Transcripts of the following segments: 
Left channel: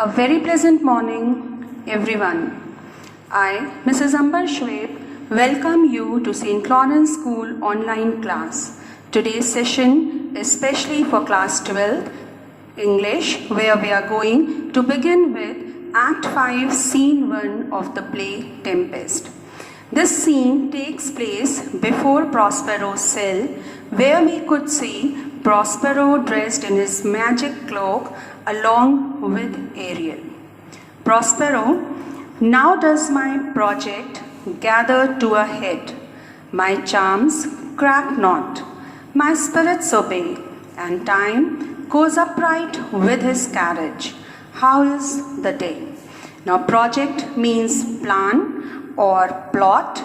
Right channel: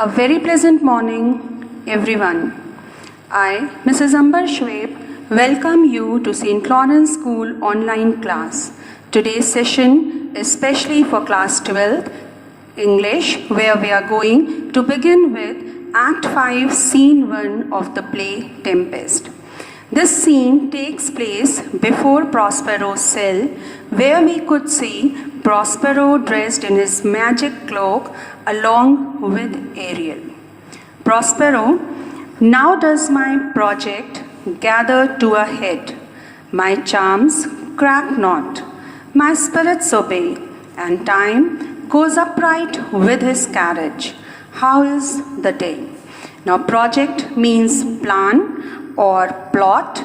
A very pleasant morning, everyone. I, Mrs. Amber Shweb, welcome you to St. Lawrence School online class. Today's session is specially for class 12 English, where we are going to begin with Act 5, Scene 1 of the play Tempest. This scene takes place before Prospero's cell, where we could see Prospero dressed in his magic cloak along with Ariel. Prospero, now does my project gather to a head. My charms crack not, my spirits obey, and time goes upright with his carriage. How is the day? Now, project means plan or plot.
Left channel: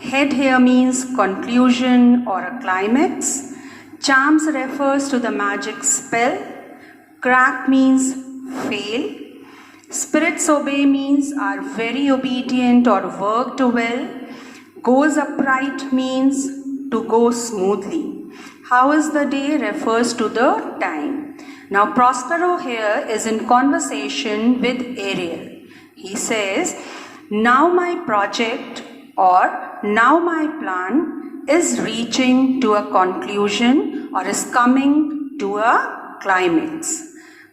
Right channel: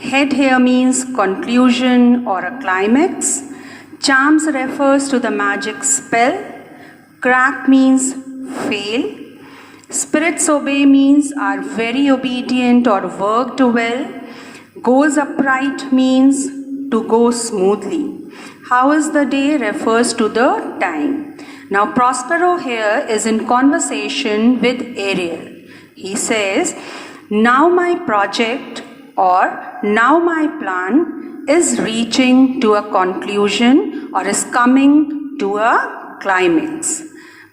Head here means conclusion or a climax. Charms refers to the magic spell. Crack means fail. Spirits obey means are very obedient or worked well. Goes upright means to go smoothly. How is the day refers to the time. Now Prospero here is in conversation with Ariel. He says, now my project or now my plan is reaching to a conclusion or is coming to a climax.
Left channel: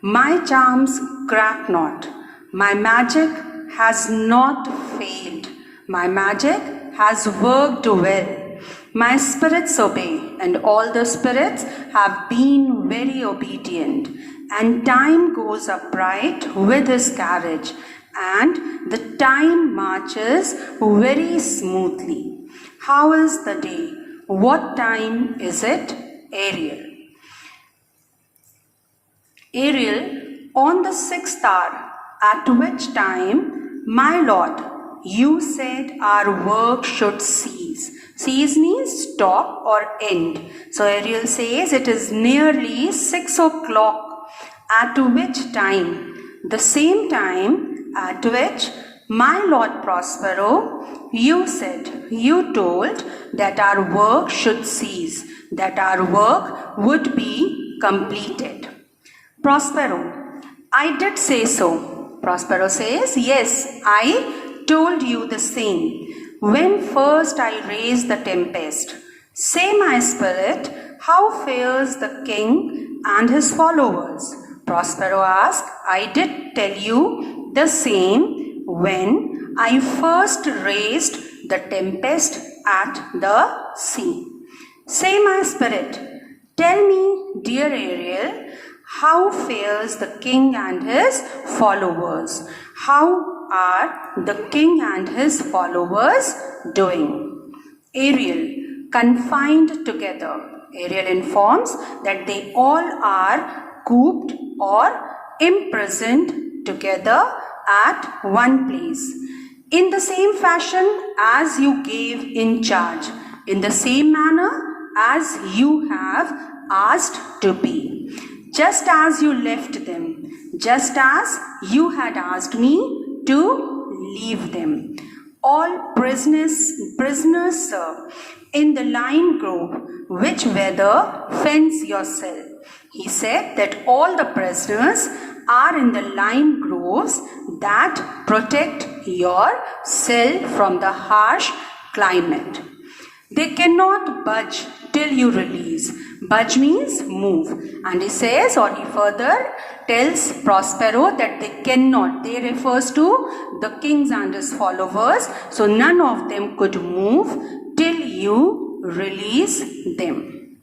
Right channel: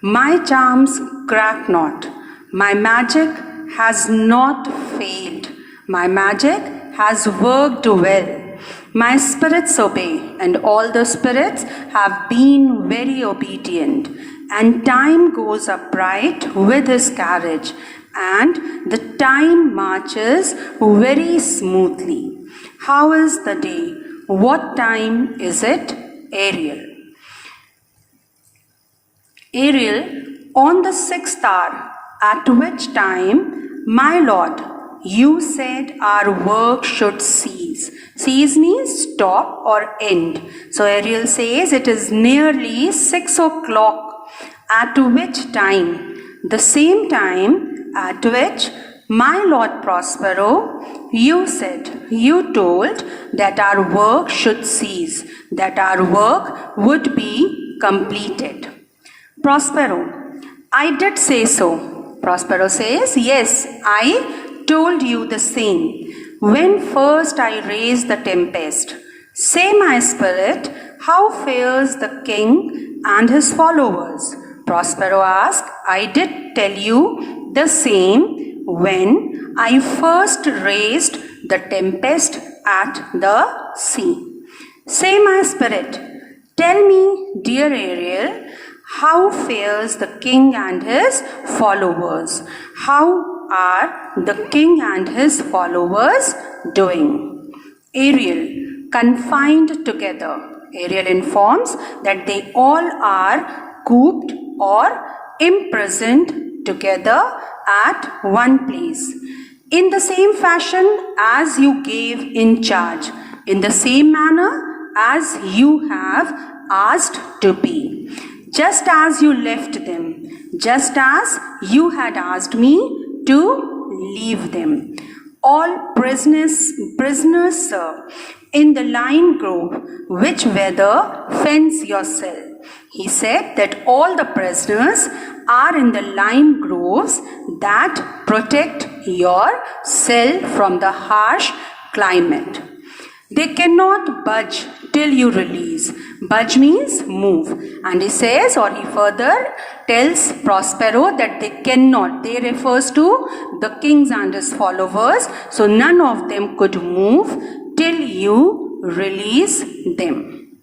My charms crack not. My magic has not failed. My magic has worked well. My spirits obey, and all the spirits have been very obedient. And time goes upright with his carriage, and the time marches very smoothly. How is the day? What time is it? Ariel. Ariel, on the 6th hour, at which time, my lord, you said our work should cease. Cease means stop or end. So Ariel says it is nearly 6 o'clock, at which time, the same time at which my lord Prospero, you said, you told that our work should cease, that our work would be completed. Prospero, I did say so. Prospero says, yes, I told you the same. When first I raised the tempest, say my spirit, how fares the king and his followers? Prospero asked, I did tell you the same when I first raised the tempest at the sea. Say my spirit, tell me, dear Ariel, how fares the king and his followers? How are the king and his followers doing? Ariel, confined together. Ariel informs that they all are cooped or imprisoned together at one place. In the same fashion as you gave in charge, in the same manner as you have asked to be. Just as you left them, just as you had asked me to leave them. All prisoners, sir, in the lime grove, which weather fence your cell. He said that all the prisoners are in the lime groves that protect your cell from the harsh climate. They cannot budge till you release. Budge means move. And he says, or he further tells Prospero that they cannot. They refers to the kings and his followers. So none of them could move till you release them.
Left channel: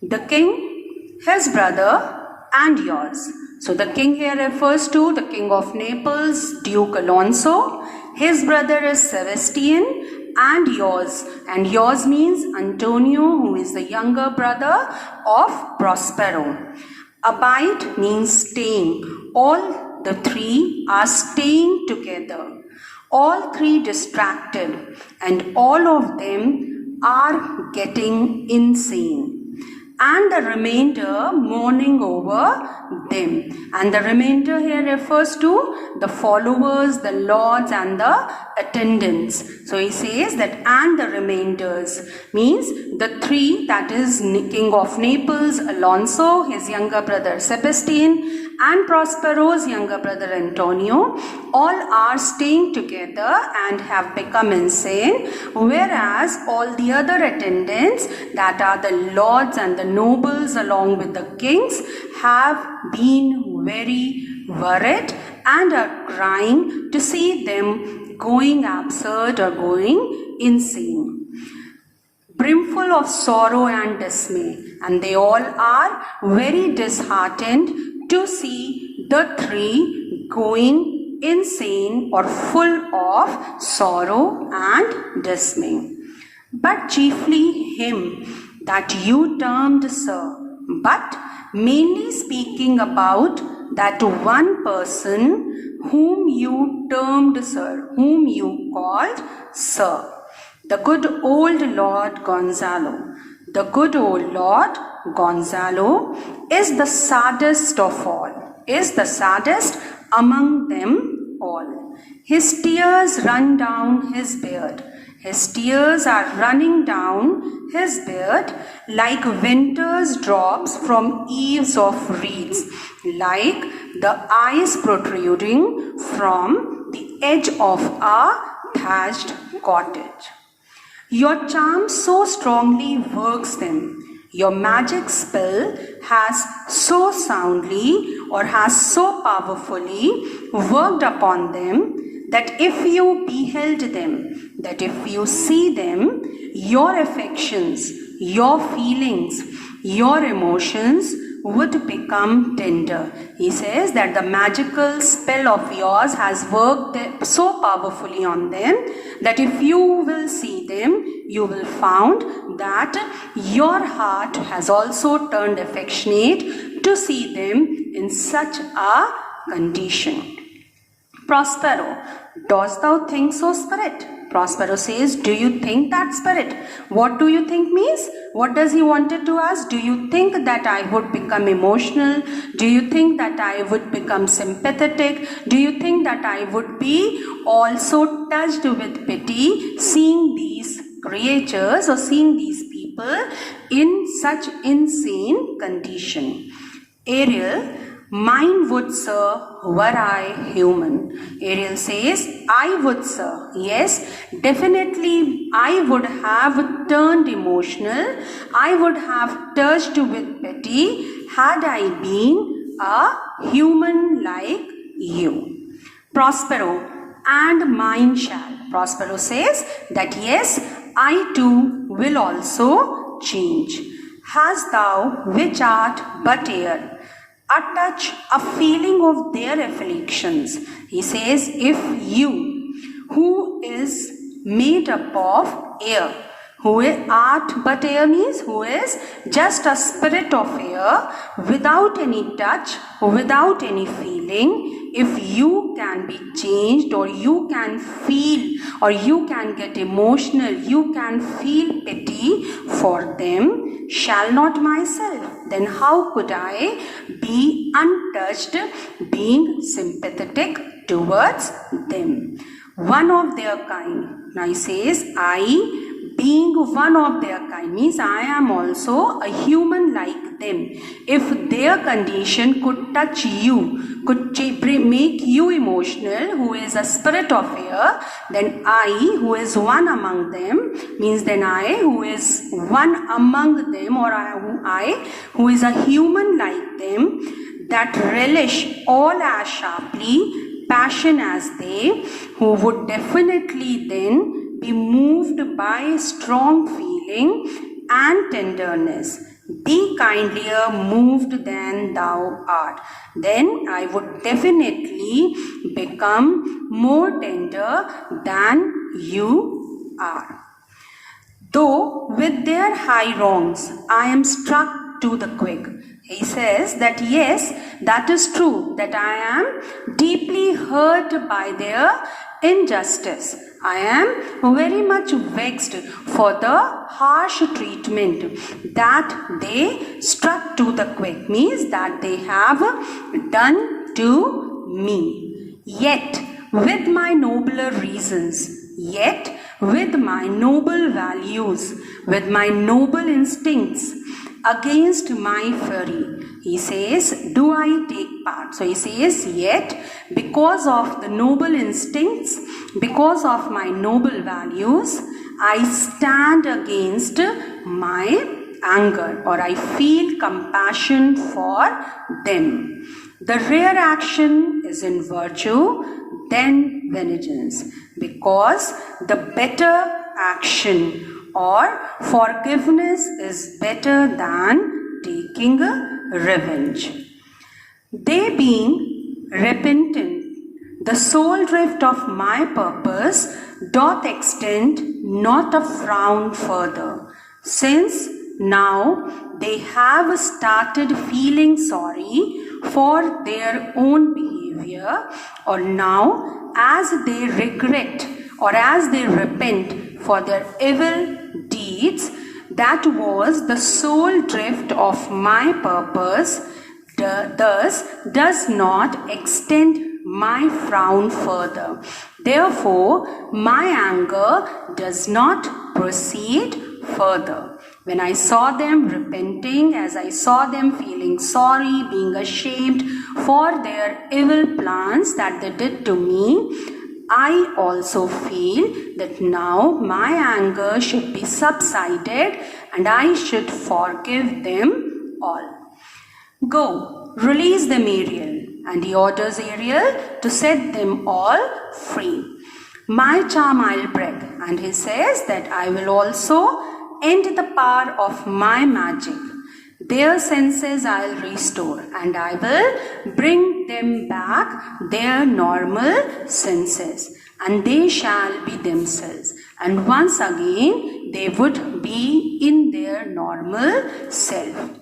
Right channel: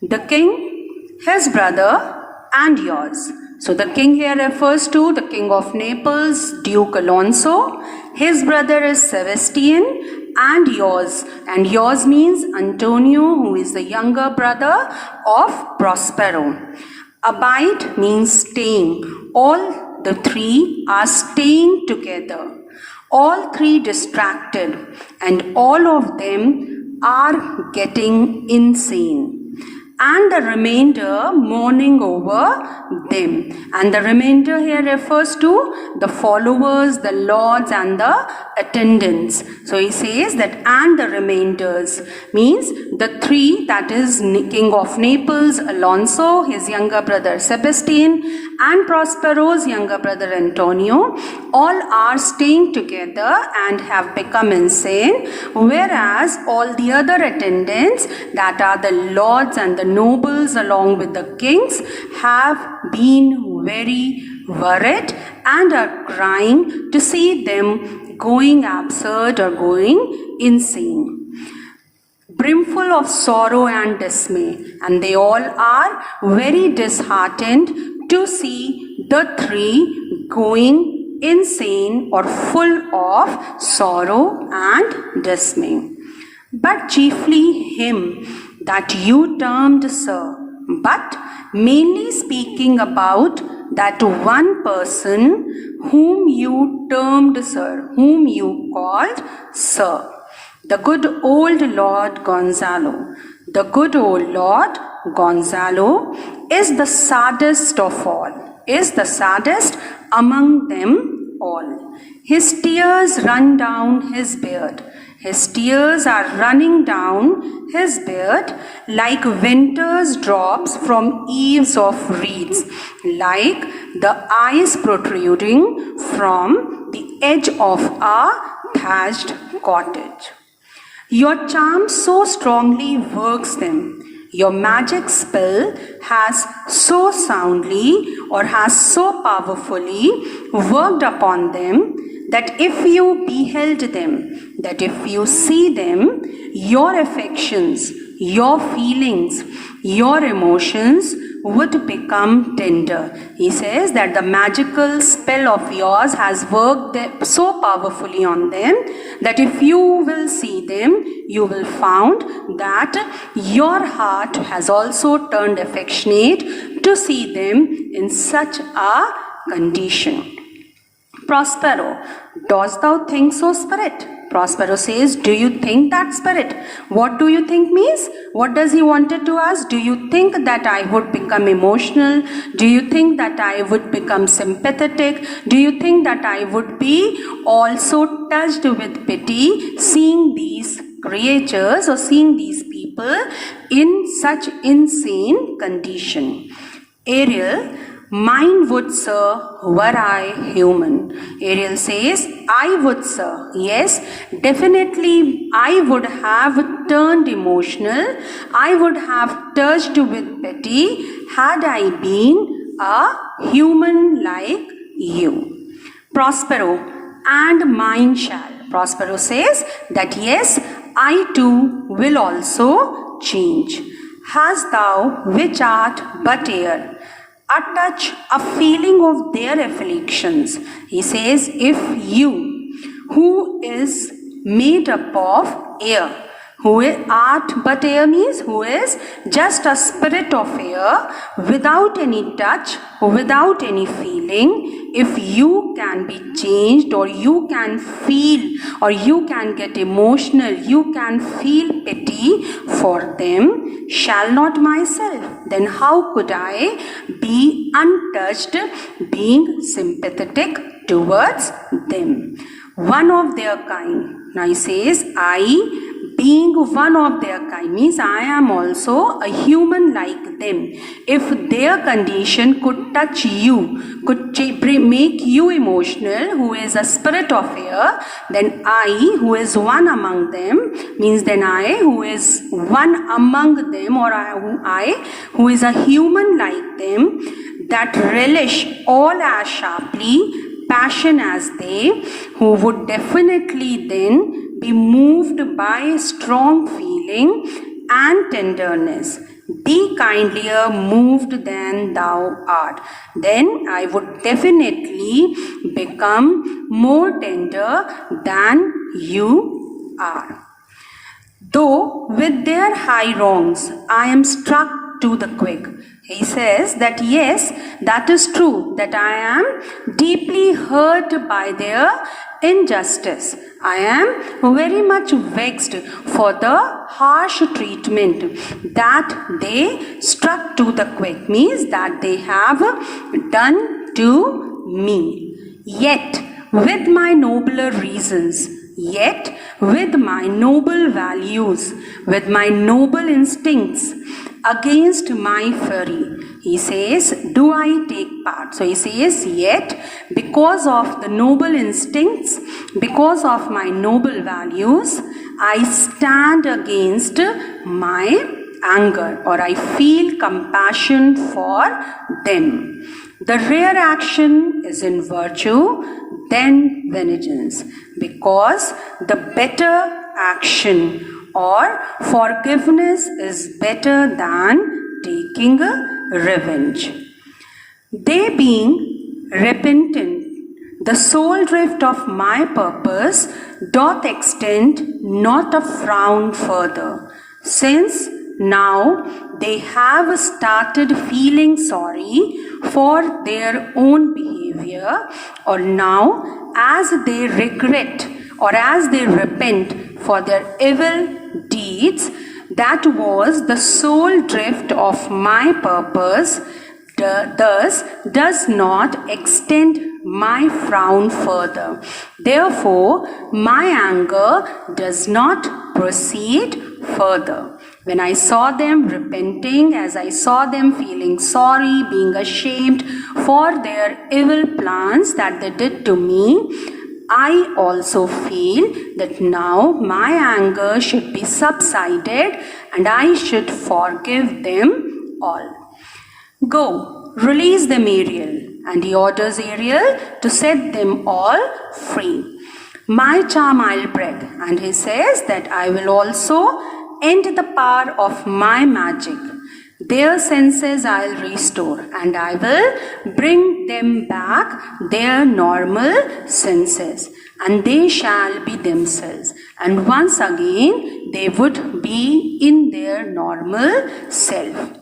The king, his brother, and yours. So the king here refers to the king of Naples, Duke Alonso. His brother is Sebastian. And yours means Antonio, who is the younger brother of Prospero. Abide means staying. All the three are staying together. All three distracted, and all of them are getting insane. and the remainder mourning over them. And the remainder here refers to the followers, the lords and the attendants. So he says that and the remainders means the three, that is King of Naples, Alonso, his younger brother Sebastian, and Prospero's younger brother Antonio, all are staying together and have become insane, whereas all the other attendants, that are the lords and the nobles along with the kings, have been very worried and are crying to see them going absurd or going insane, brimful of sorrow and dismay, and they all are very disheartened to see the three going insane or full of sorrow and dismay. But chiefly him that you termed sir, but mainly speaking about that one person whom you termed sir, whom you called sir, the good old Lord Gonzalo. The good old Lord Gonzalo is the saddest of all, is the saddest among them all. His tears run down his beard. His tears are running down his beard like winter's drops from eaves of reeds, like the eyes protruding from the edge of a thatched cottage. Your charm so strongly works them. Your magic spell has so soundly or has so powerfully worked upon them that if you beheld them, that if you see them, your affections, your feelings, your emotions would become tender. He says that the magical spell of yours has worked so powerfully on them that if you will see them, you will find that your heart has also turned affectionate to see them in such a condition. Prospero, dost thou think so, spirit? Prospero says, do you think that, spirit? What do you think means? What does he wanted to ask? Do you think that I would become emotional? Do you think that I would become sympathetic? Do you think that I would be also touched with pity seeing these creatures or seeing these people in such insane condition? Ariel, mine would, sir, were I human. Ariel says, I would, sir. Yes, definitely I would have turned emotional. I would have touched with pity had I been a human like you. Prospero, and mine shall. Prospero says that yes, I too will also change. Hast thou, which art but air, a touch, a feeling of their afflictions? He says, if you, who is made up of air, who art but air means who is just a spirit of air, without any touch, without any feeling, if you can be changed or you can feel or you can get emotional, you can feel pity for them, shall not myself, then how could I be untouched, being sympathetic towards them? One of their kind. Now he says, I, being one of their kind, means I am also a human like them. If their condition could touch you, could make you emotional, who is a spirit of air, then I, who is one among them, means then I, who is one among them, or I, who is a human like them, that relish all as sharply passion as they, who would definitely then be moved by strong feeling and tenderness, be kindlier moved than thou art, then I would definitely become more tender than you are. Though with their high wrongs I am struck to the quick. He says that yes, that is true, that I am deeply hurt by their injustice. I am very much vexed for the harsh treatment that they struck to the quick, means that they have done to me. Yet, with my nobler reasons, yet with my noble values, with my noble instincts, against my fury, he says, do I take part? So he says, yet because of the noble instincts, because of my noble values, I stand against my anger, or I feel compassion for them. The rare action is in virtue, then vengeance, because the better action or forgiveness is better than taking revenge. They being repentant, the sole drift of my purpose doth extend not a frown further, since now they have started feeling sorry for their own behavior, or now as they regret or as they repent for their evil deeds, that was the sole drift of my purpose, thus does not extend my frown further. Therefore, my anger does not proceed further. When I saw them repenting, as I saw them feeling sorry, being ashamed for their evil plans that they did to me, I also feel that now my anger should be subsided and I should forgive them all. Go, release them, Ariel. And he orders Ariel to set them all free. My charm I'll break. And he says that I will also end the power of my magic. Their senses I'll restore, and I will bring them back their normal senses, and they shall be themselves. And once again, they would be in their normal self.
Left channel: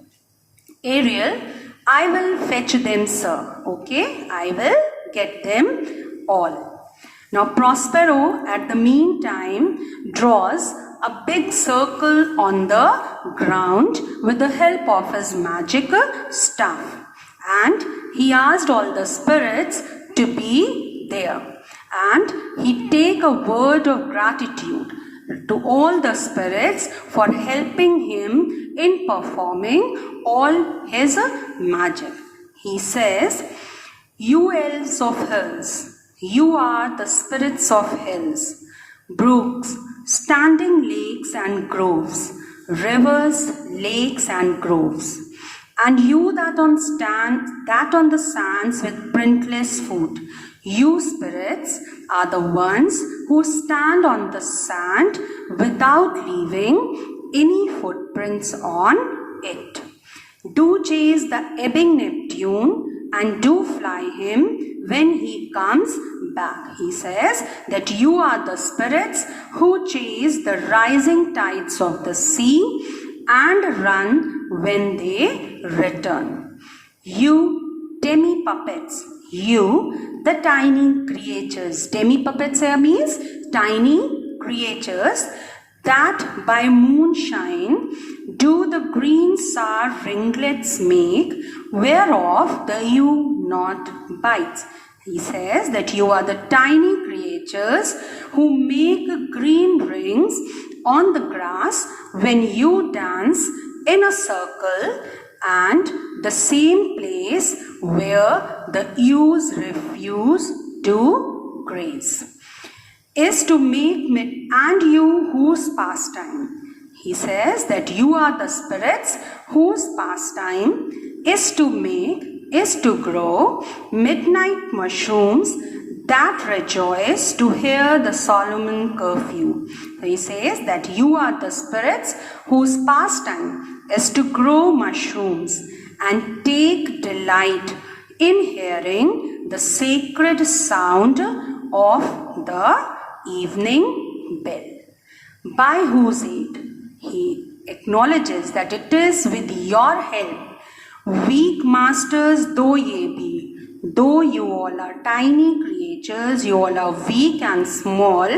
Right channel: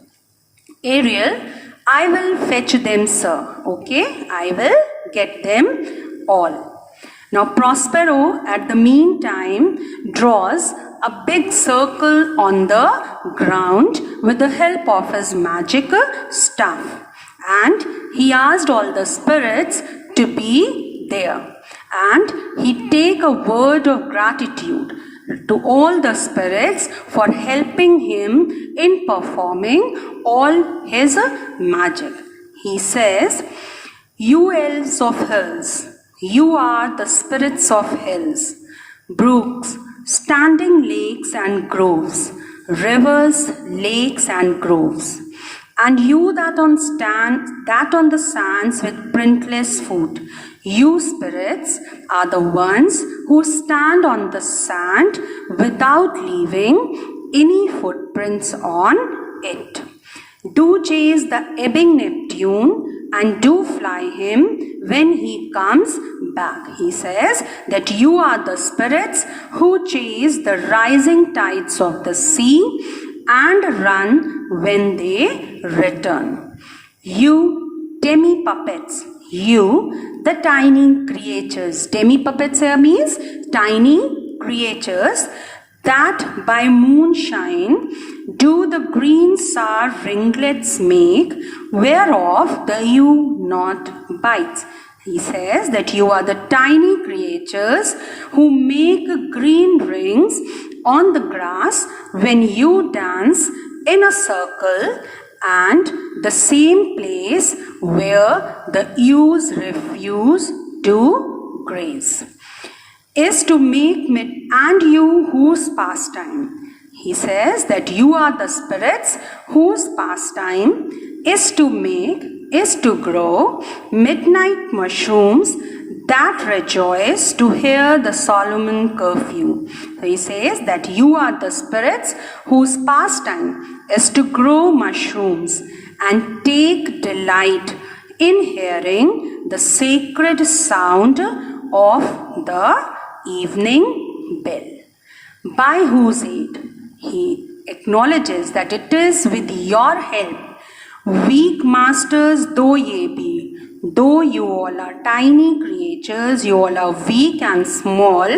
Ariel, I will fetch them, sir. Okay, I will get them all. Now Prospero at the meantime draws a big circle on the ground with the help of his magic staff, and he asked all the spirits to be there, and he take a word of gratitude to all the spirits for helping him in performing all his magic. He says, you elves of hills, you are the spirits of hills, brooks, standing lakes and groves, rivers, lakes and groves, and you that on the sands with printless foot. You spirits are the ones who stand on the sand without leaving any footprints on it. Do chase the ebbing Neptune and do fly him when he comes back. He says that you are the spirits who chase the rising tides of the sea and run when they return. You demi-puppets, you the tiny creatures. Demi-puppets here means tiny creatures that by moonshine do the green sour ringlets make, whereof the ewe not bites. He says that you are the tiny creatures who make green rings on the grass when you dance in a circle, and the same place where the ewes refuse to graze is to make and you whose pastime. He says that you are the spirits whose pastime is to grow midnight mushrooms that rejoice to hear the Solomon curfew. So he says that you are the spirits whose pastime is to grow mushrooms and take delight in hearing the sacred sound of the evening bell, by whose aid he acknowledges that it is with your help, weak masters though ye be, though you all are tiny creatures, you all are weak and small,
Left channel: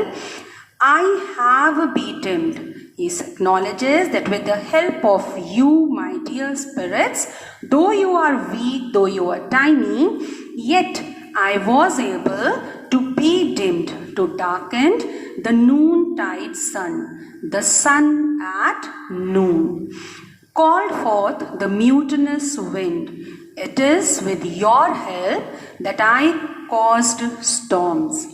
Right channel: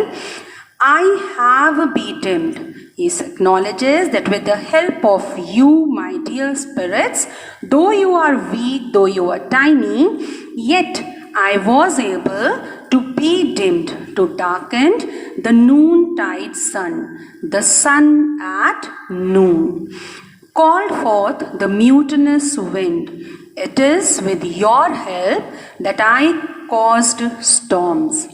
I have be dimmed. He acknowledges that with the help of you, my dear spirits, though you are weak, though you are tiny, yet I was able to be dimmed, to darken the noontide sun, the sun at noon. Called forth the mutinous wind. It is with your help that I caused storms.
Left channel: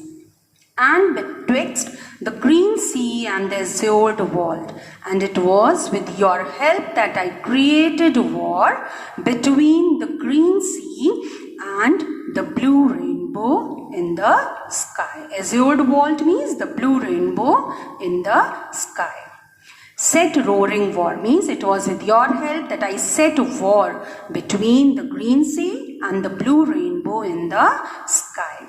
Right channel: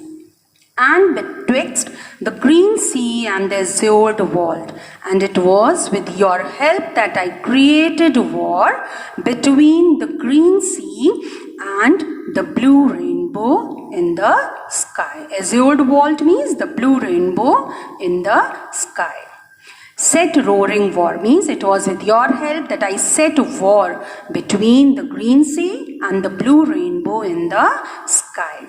And betwixt the green sea and the azured vault. And it was with your help that I created war between the green sea and the blue rainbow in the sky. Azured vault means the blue rainbow in the sky. Set roaring war means it was with your help that I set war between the green sea and the blue rainbow in the sky.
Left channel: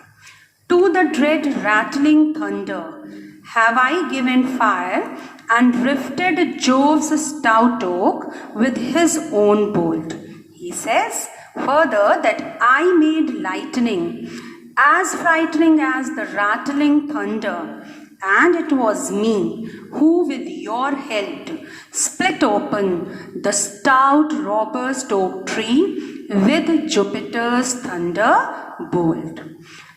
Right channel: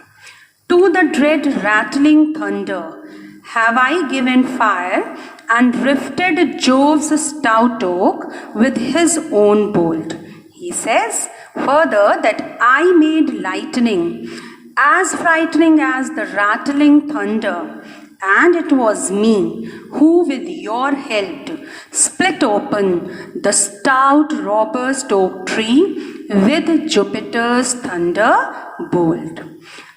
To the dread rattling thunder have I given fire and rifted Jove's stout oak with his own bolt. He says further that I made lightning as frightening as the rattling thunder, and it was me who with your help split open the stout robust oak tree with Jupiter's thunderbolt.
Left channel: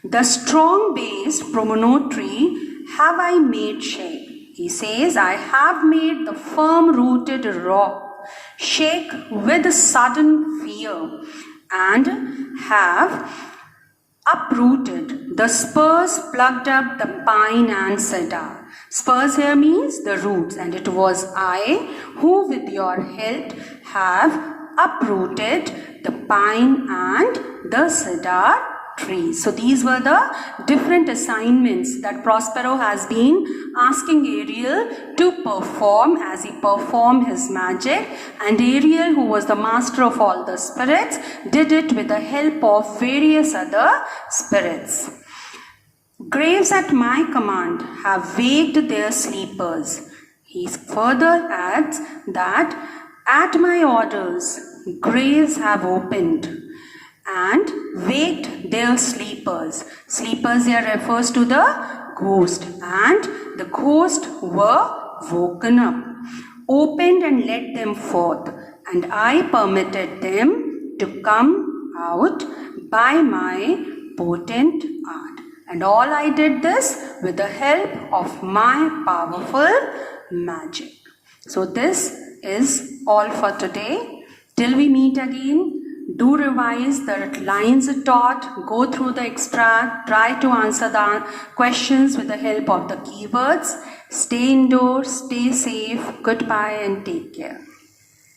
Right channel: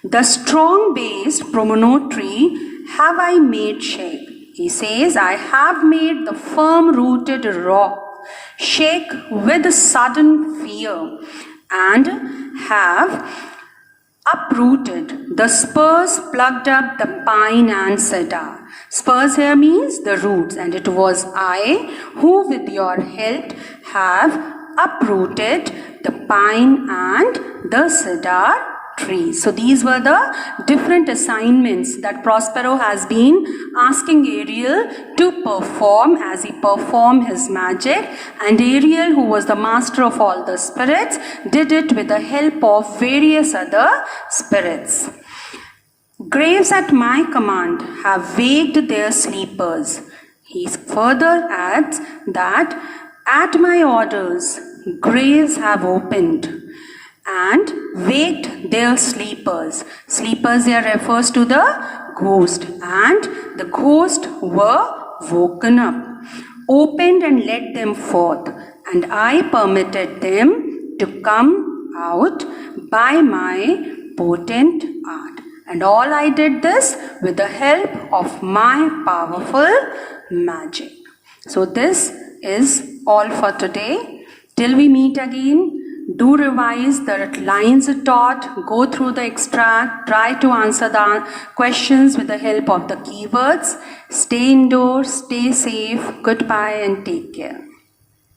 The strong-based promontory have I made shake. He says, I have made the firm-rooted rock shake with sudden fear, and have uprooted the spurs, plucked up the pine and cedar. Spurs here means the roots, and it was I who with your help have uprooted the pine and the cedar trees. So these were the different assignments that Prospero has been asking Ariel to perform as he performed his magic, and Ariel, who was the master of all the spirits, did it with the help of various other spirits. Graves at my command have waked their sleepers. He further adds that at my orders graves have opened and waked their sleepers. Sleepers here refers to the ghost, and the ghost were woken up, opened and led them forth, and I permitted them to come out by my potent art. And all I did this with the help of my powerful magic. So this is all for today. Till we meet again, do revise the lines taught, go through the extract, try to answer the questions with the help of the keywords. Stay indoors, stay safe, goodbye and take care.